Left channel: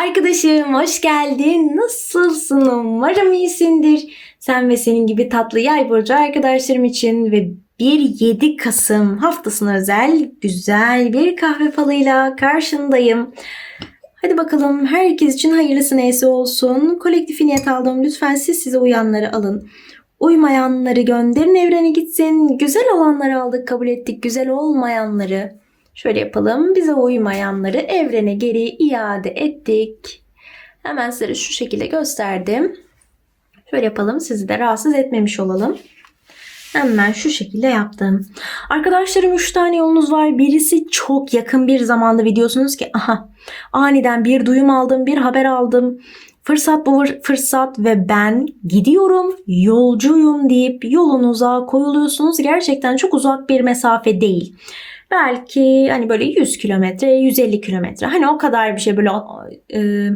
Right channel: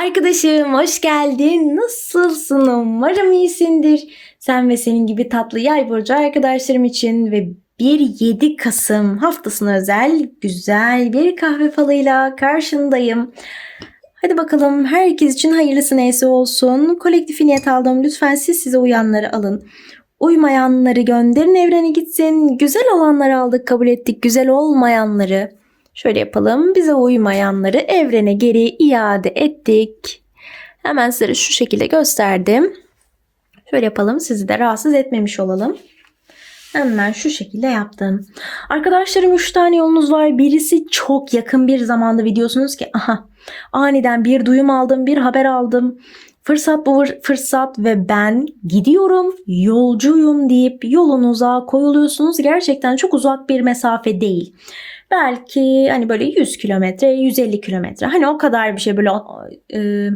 Arkadaşım hoş geldin. Nasılsın? Umarım iyisindir. Sen ve senin gibi tatlı yay burcu arkadaşlarım için ve 1-7 Kasım haftasına özel güzel bir kahve falıyla karşındayım. Hadi bakalım herkes için hayırlısı neyse olsun. Kolektif niyet aldım. Lütfen siz size uyanları alın. Uymayanları gönderin evrene gitsin. Güzel olanları aldık kabul ettik. Güzel olmayanları Şöyle yapalım. Bize uymayanları evrene geri iade ettik. Hemen size şu şekilde gösterdim. Şöyle yapalım. Sizi de rahatsız etmemiş olalım. Hemen şu şekilde yaptım. Arkadaşlarım 3 tane yolunuz var. Birisi çok yakın bir zamanda videosunuz ki aha aniden bir duyum aldım, bir haber aldım. Fırsat bu fırsat ve ben gidiyorum, yolcuyum deyip yolunuza koyuluyorsunuz. Gerçekten çok uzak bir mesafe değil. Belki hani böyle 100 kilometre, 150 kilometre. Hani o kadar bir şey böyle e,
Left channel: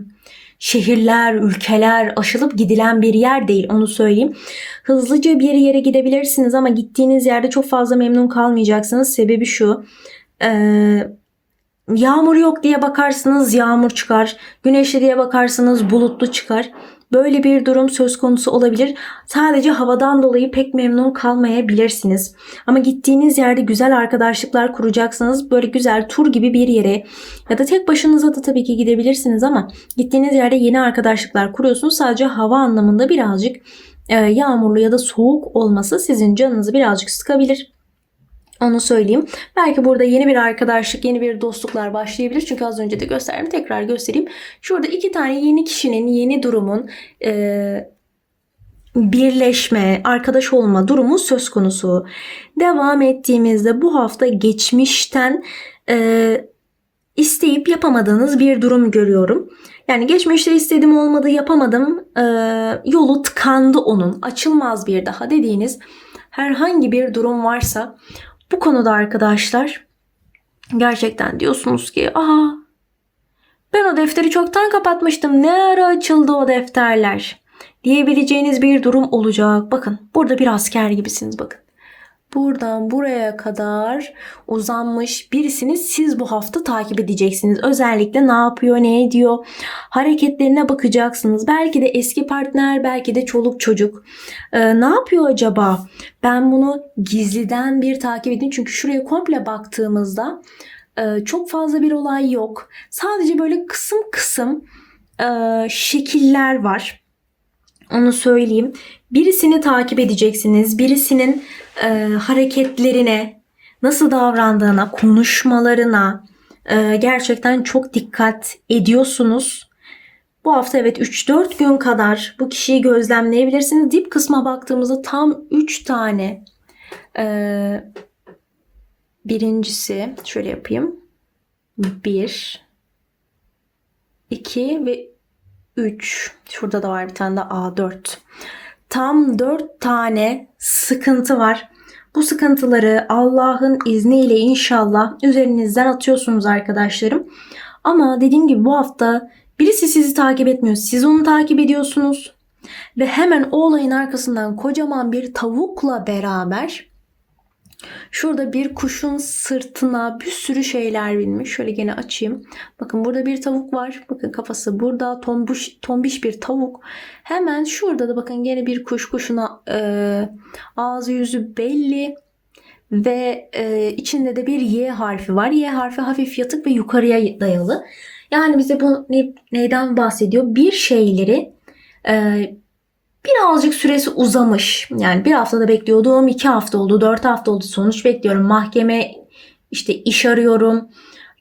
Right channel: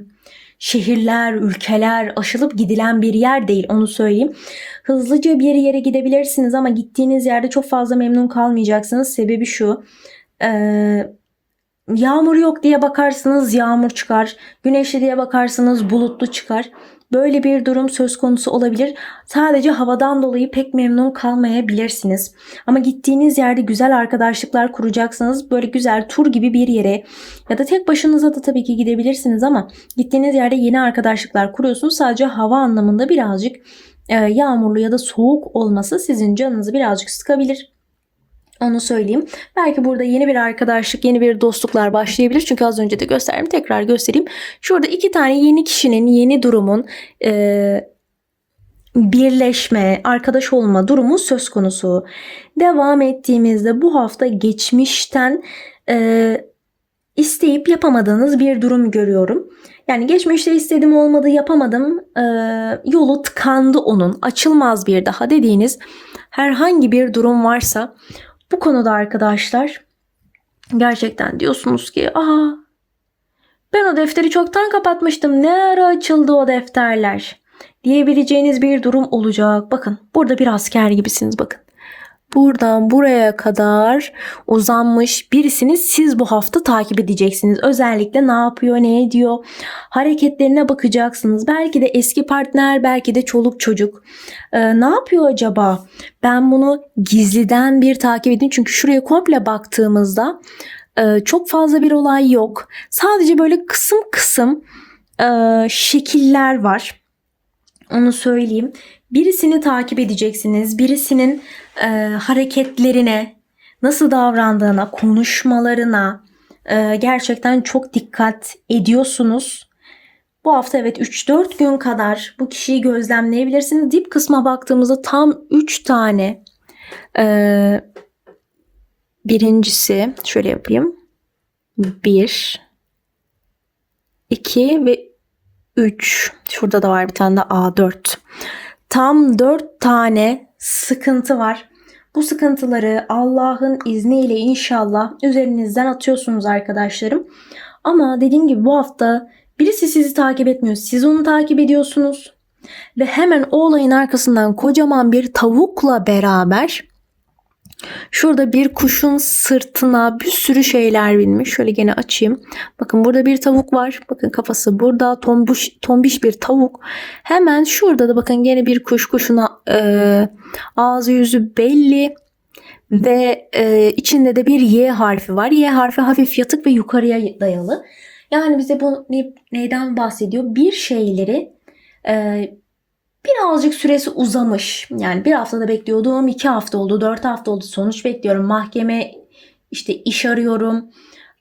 şehirler, ülkeler aşılıp gidilen bir yer değil onu söyleyeyim. Hızlıca bir yere gidebilirsiniz ama gittiğiniz yerde çok fazla memnun kalmayacaksınız. Sebebi şu. E, yağmur yok diye bakarsınız yağmur çıkar. Güneşli diye bakarsınız bulutlu çıkar. Böyle bir durum söz konusu olabilir. Sadece havadan dolayı pek memnun kalmayabilirsiniz. Ama gittiğiniz yerde güzel arkadaşlıklar kuracaksınız. Böyle güzel tur gibi bir yere ya da tek başınıza da tabii ki gidebilirsiniz ama gittiğiniz yerde yeni arkadaşlıklar kuruyorsunuz. Sadece hava anlamında birazcık e, yağmurlu ya da soğuk olması sizin canınızı birazcık sıkabilir. Onu söyleyeyim. Belki burada yeni bir arkadaşlık, yeni bir dostluklar başlayabilir. Çünkü az önce de gösterdim. Tekrar göstereyim. Şurada iki tane yeni kişinin, yeni durumun e, birleşme, arkadaş olma durumu söz konusu. Devam ettiğimizde bu hafta geçmişten e, isteyip yapamadığınız bir durum görüyorum. Yani geçmişte istedim olmadı yapamadım e, yolu tıkandı onun açılmaz bir daha dediğiniz herhangi bir durum varsa bu konuda arkadaşlar gerçekten diyorsunuz ki aa ben o defteri çoktan kapatmıştım. Ne ara açıldı o defterler? Diyebileceğiniz bir durum olacak. Bakın burada bir asker gibisiniz bakın buradan buraya kadar uzanmış birisini siz bu hafta takip edeceksiniz. Özellikle ne yapıyor, ne ediyor, hareketlerine bakacaksınız. Belki de eski partner, belki de çoluk çocuk. Ee, ne yapıyor acaba? Ben bunu gizliden bir takip edeyim. Çünkü şuraya komple baktığımızda e, çok fazla bir olay yok. Sadece böyle kısım kısım e, şekiller var. Onu söyleyeyim. Birisini takip edeceksiniz. Birisinin e, hareketlerine, nasıl davrandığına, konuşmalarına e, gerçekten çok dikkat ediyorsunuz. Bu hafta evet 3-4 gün kadar bu kişiyi gözlemleyebilirsiniz. Dip kısma baktığımızda tam 3 tane e, birincisi şöyle yapayım. 1 2 ve 3. Şurada da var bir tane de A4. Tam 4 tane sıkıntı var. Bu sıkıntıları Allah'ın izniyle inşallah üzerinizden atıyorsunuz arkadaşlarım. Ama dediğim gibi bu hafta birisi sizi takip etmiyor. Siz onu takip ediyorsunuz. Ve hemen o olayın arkasından kocaman bir tavukla beraber Şurada bir kuşun sırtına bir sürü şeyler binmiş. Şöyle gene açayım. Bakın burada bir tavuk var. Bakın kafası burada. Tombuş, tombiş bir tavuk. Hemen şurada da bakın gene bir kuş kuşuna e, ağzı yüzü belli. Ve e, içinde de bir Y harfi var. Y harfi hafif yatık ve yukarıya dayalı. Yani bize bu ne, neyden bahsediyor? Bir şeyleri e, birazcık süresi uzamış. Yani bir haftada bekliyordum, iki hafta oldu, dört hafta oldu. Sonuç bekliyorum. Mahkeme işte iş arıyorum.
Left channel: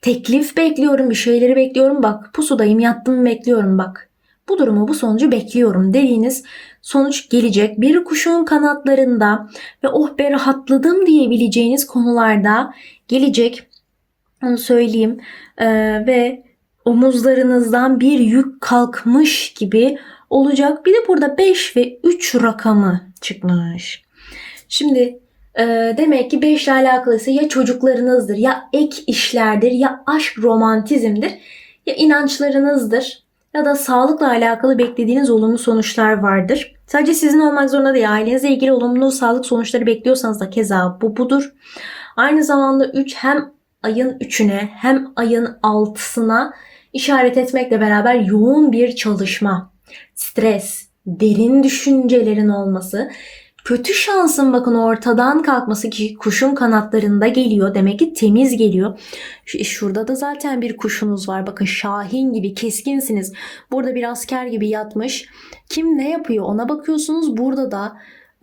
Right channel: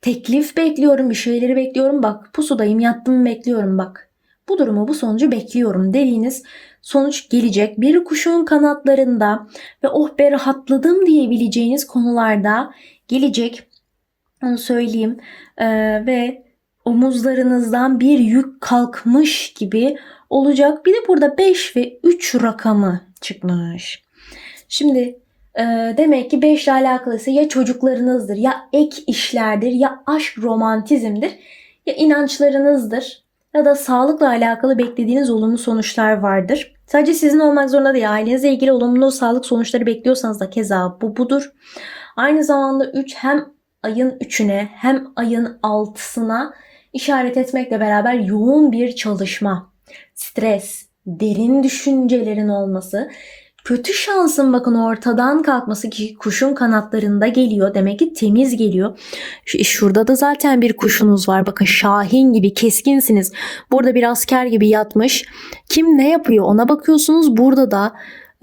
Teklif bekliyorum, bir şeyleri bekliyorum. Bak pusudayım, yattım bekliyorum bak. Bu durumu, bu sonucu bekliyorum dediğiniz sonuç gelecek. Bir kuşun kanatlarında ve oh be rahatladım diyebileceğiniz konularda gelecek. Onu söyleyeyim. Ee, ve omuzlarınızdan bir yük kalkmış gibi olacak. Bir de burada 5 ve 3 rakamı çıkmış. Şimdi e, demek ki 5 ile alakalısı ya çocuklarınızdır ya ek işlerdir ya aşk romantizmdir ya inançlarınızdır ya da sağlıkla alakalı beklediğiniz olumlu sonuçlar vardır. Sadece sizin olmak zorunda değil. Ailenizle ilgili olumlu sağlık sonuçları bekliyorsanız da keza bu budur. Aynı zamanda 3 hem ayın 3'üne hem ayın 6'sına işaret etmekle beraber yoğun bir çalışma, stres, derin düşüncelerin olması, kötü şansın bakın ortadan kalkması ki kuşun kanatlarında geliyor. Demek ki temiz geliyor. Şurada da zaten bir kuşunuz var. Bakın şahin gibi keskinsiniz. Burada bir asker gibi yatmış. Kim ne yapıyor ona bakıyorsunuz. Burada da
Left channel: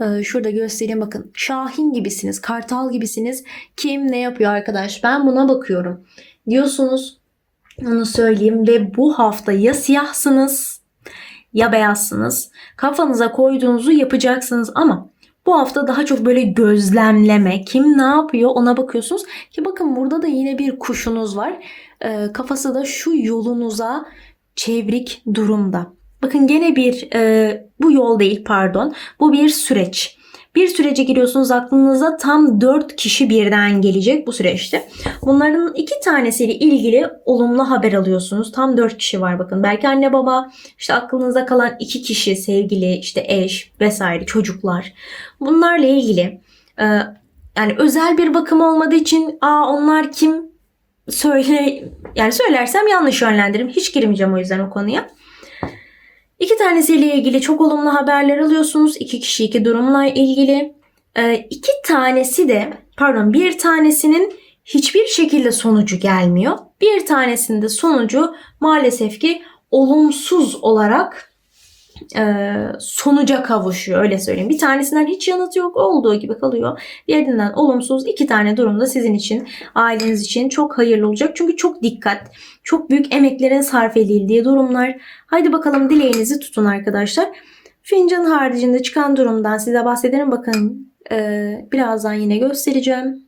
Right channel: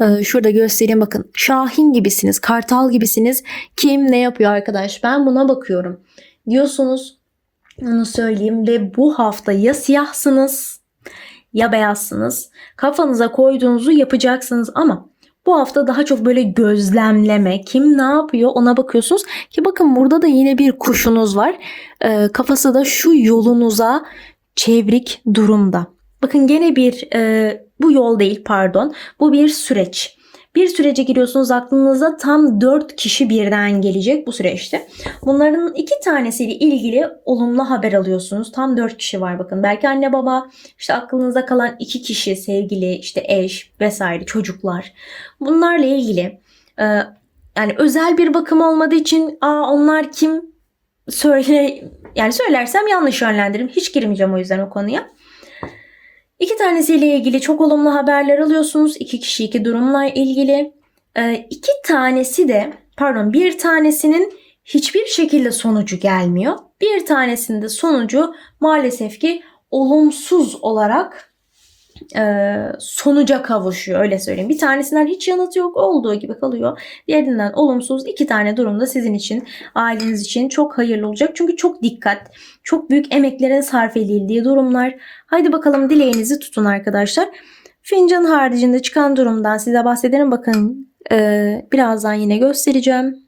e, şurada göstereyim bakın. Şahin gibisiniz. Kartal gibisiniz. Kim ne yapıyor arkadaş? Ben buna bakıyorum. Diyorsunuz onu söyleyeyim ve bu hafta ya siyahsınız ya beyazsınız. Kafanıza koyduğunuzu yapacaksınız ama bu hafta daha çok böyle gözlemleme, kim ne yapıyor ona bakıyorsunuz. Ki bakın burada da yine bir kuşunuz var. Ee, kafası da şu yolunuza çevrik durumda. Bakın gene bir e, bu yol değil pardon. Bu bir süreç. Bir sürece giriyorsunuz aklınıza tam 4 kişi birden gelecek bu süreçte. Bunların iki tanesiyle ilgili olumlu haber alıyorsunuz. Tam 4 kişi var bakın. Belki anne baba, işte aklınıza kalan iki kişi, sevgili, işte eş vesaire çocuklar. Bunlarla ilgili e, yani özel bir bakım olmadığı için aa onlar kim söyle yani söylersem yanlış yönlendiririm. Hiç girmeyeceğim o yüzden o konuya. İki tanesiyle ilgili çok olumlu haberler alıyorsunuz. İki kişi iki durumla ilgili. Ee, iki tanesi de pardon bir tanesinin hiçbir şekilde sonucu gelmiyor. Bir tanesinde sonucu maalesef ki olumsuz olarak e, sonuca kavuşuyor öyle söyleyeyim. Bir tanesinden hiç yanıt yok olduğu gibi kalıyor. Diğerinden olumsuz iki tane durumda sizin için aileniz için çok hayırlı olacak. Çünkü çok dikkat, çok büyük emeklerin sarf edildiği durumlar. Haydi bakalım dileğinizi tutun arkadaşlar. Fincan haricinde çıkan durumdan size bahsederim. Bakın e, birazdan yine göstereceğim.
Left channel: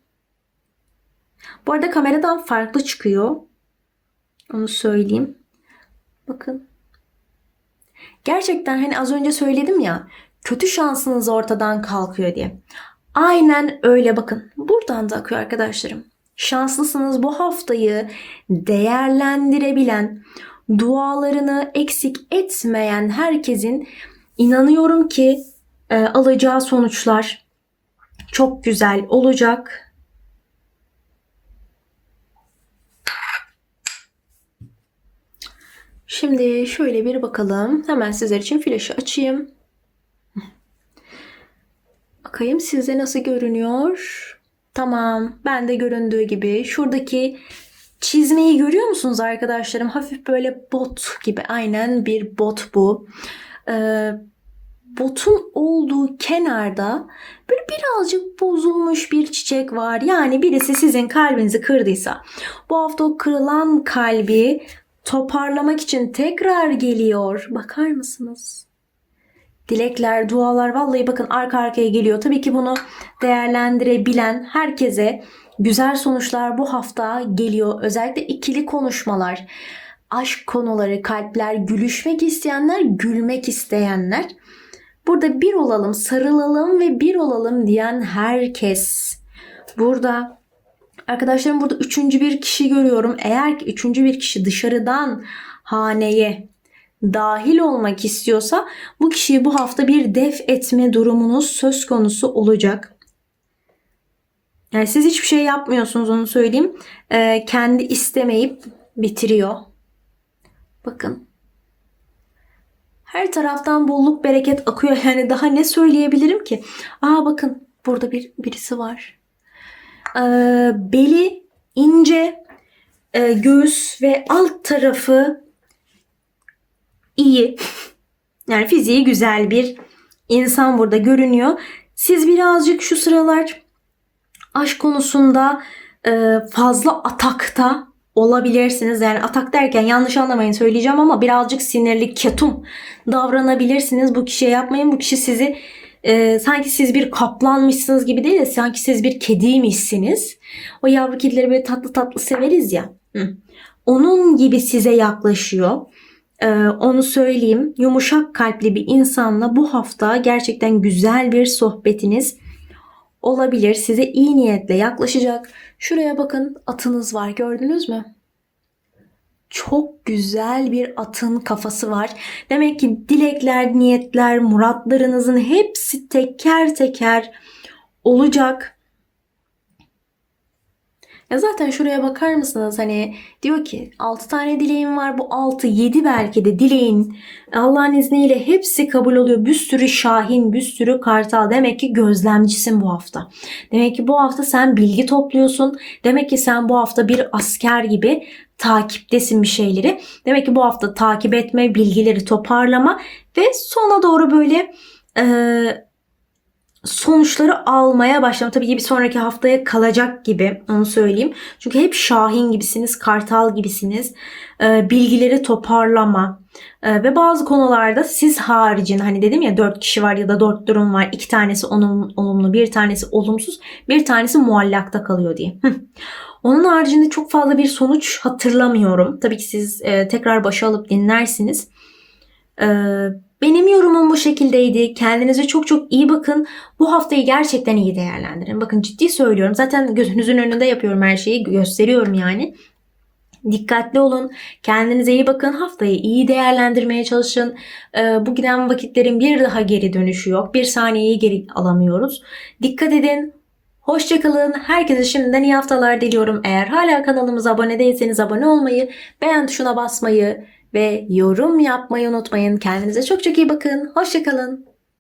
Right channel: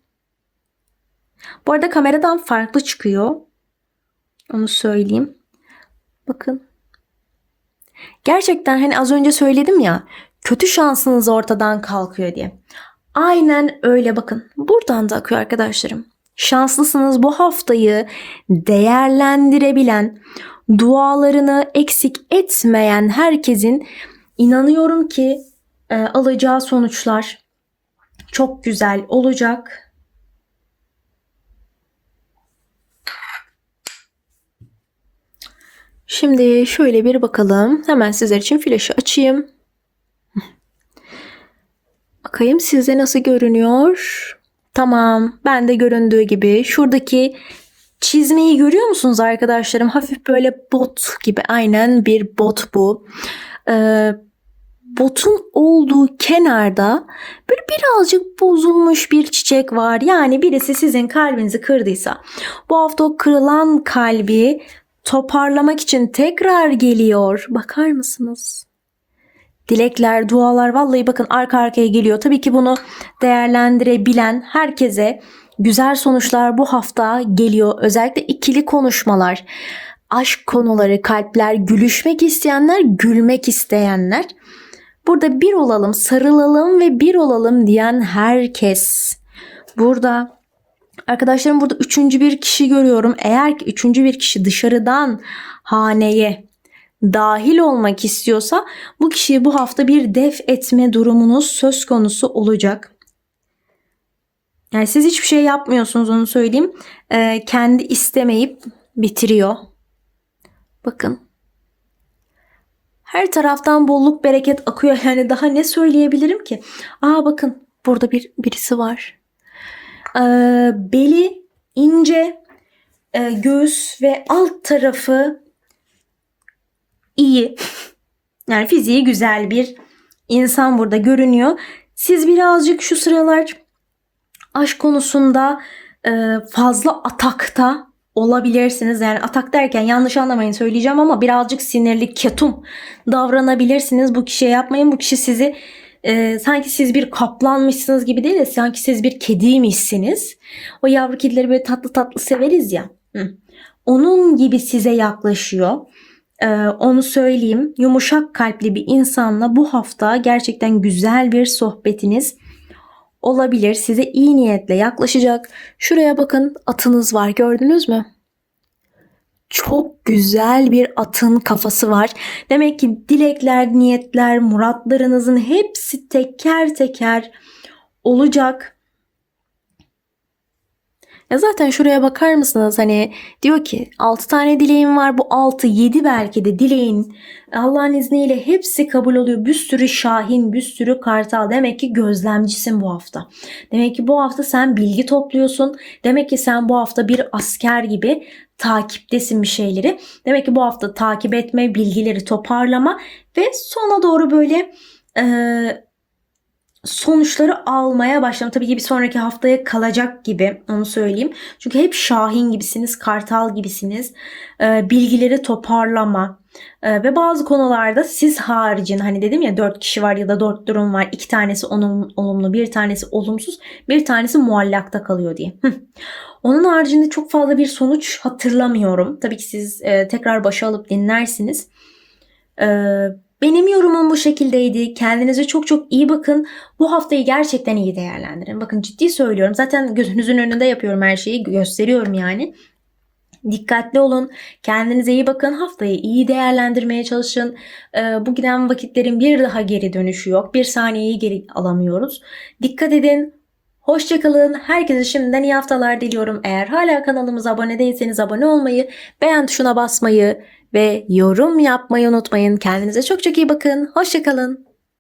Bu arada kameradan farklı çıkıyor. Onu söyleyeyim. Bakın Gerçekten hani az önce söyledim ya kötü şansınız ortadan kalkıyor diye. Aynen öyle bakın. Buradan da akıyor arkadaşlarım. Şanslısınız bu haftayı değerlendirebilen, dualarını eksik etmeyen herkesin inanıyorum ki e, alacağı sonuçlar çok güzel olacak. Şimdi şöyle bir bakalım. Hemen sizler için flaşı açayım. Bakayım size nasıl görünüyor. Tamam. Ben de göründüğü gibi. Şuradaki çizmeyi görüyor musunuz arkadaşlarım? Hafif böyle bot gibi. Aynen bir bot bu. Ee, botun olduğu kenarda böyle birazcık bozulmuş bir çiçek var. Yani birisi sizin kalbinizi kırdıysa bu hafta o kırılan kalbi toparlamak için tekrar geliyor. Bakar mısınız? Dilekler, dualar vallahi bakın arka arkaya geliyor. Tabii ki bunu değerlendirebilen herkese güzel sonuçlar bu hafta geliyor. Özellikle ikili konuşmalar, aşk konuları, kalpler, gülüşmek isteyenler, gülmek isteyenler. Burada bir olalım, sarılalım ve bir olalım diyen herkes. Burada Arkadaşlarım burada üçüncü bir kişi görüyorum. Eğer ki üçüncü bir kişi dışarıdan haneye dahil olmak istiyorsa bu kişiyi bu hafta bir def etme durumunuz söz konusu olacak. Yani siz hiçbir şey yapmıyorsunuz onu söyleyeyim. Ee, kendi istemeyip bitiriyor. Bakın. Her taraftan bolluk bereket akıyor. Yani daha ne söyleyebilirim ki? Aa bakın burada bir birisi var. Ee, beli ince, e, göğüs ve alt tarafı iyi. Yani fiziği güzel bir insan burada görünüyor. Siz birazcık şu sıralar aşk konusunda e, fazla atakta olabilirsiniz. Yani atak derken yanlış anlamayın söyleyeceğim ama birazcık sinirli, ketum davranabilirsiniz. Bu kişiye yapmayın. Bu kişi sizi e, sanki siz bir kaplanmışsınız gibi değil de sanki siz bir kediymişsiniz. O yavru kedileri böyle tatlı tatlı severiz ya. Hı. Onun gibi size yaklaşıyor. Ee, onu söyleyeyim. Yumuşak kalpli bir insanla bu hafta gerçekten güzel bir sohbetiniz olabilir. Size iyi niyetle yaklaşacak. Şuraya bakın atınız var gördünüz mü? Çok güzel bir atın kafası var. Demek ki dilekler, niyetler, muratlarınızın hepsi teker teker olacak. Ya zaten şuraya bakar mısınız? Hani diyor ki 6 tane dileğim var. Bu 6 7 belki de dileğin Allah'ın izniyle hepsi kabul oluyor. Bir sürü şahin, bir sürü kartal. Demek ki gözlemcisin bu hafta. Demek ki bu hafta sen bilgi topluyorsun. Demek ki sen bu hafta bir asker gibi takiptesin bir şeyleri. Demek ki bu hafta takip etme, bilgileri toparlama ve sona doğru böyle sonuçları almaya başlama. Tabii ki bir sonraki haftaya kalacak gibi onu söyleyeyim. Çünkü hep şahin gibisiniz, kartal gibisiniz. E, bilgileri toparlama. E, ve bazı konularda siz haricin hani dedim ya dört kişi var ya da dört durum var. iki tanesi olum- olumlu, bir tanesi olumsuz, bir tanesi muallakta kalıyor diye. Onun haricinde çok fazla bir sonuç hatırlamıyorum. Tabii ki siz e, tekrar başa alıp dinlersiniz. E, benim yorumum bu şekildeydi. Kendinize çok çok iyi bakın. Bu haftayı gerçekten iyi değerlendirin. Bakın ciddi söylüyorum. Zaten gözünüzün önünde yapıyorum her şeyi. Gösteriyorum yani. Dikkatli olun. Kendinize iyi bakın. Haftayı iyi değerlendirmeye çalışın. Ee, bu giden vakitlerin bir daha geri dönüşü yok. Bir saniyeyi geri alamıyoruz. Dikkat edin. Hoşçakalın. Herkese şimdiden iyi haftalar diliyorum. Eğer hala kanalımıza abone değilseniz abone olmayı, beğen tuşuna basmayı ve yorum yapmayı unutmayın. Kendinize çok çok iyi bakın. Hoşçakalın.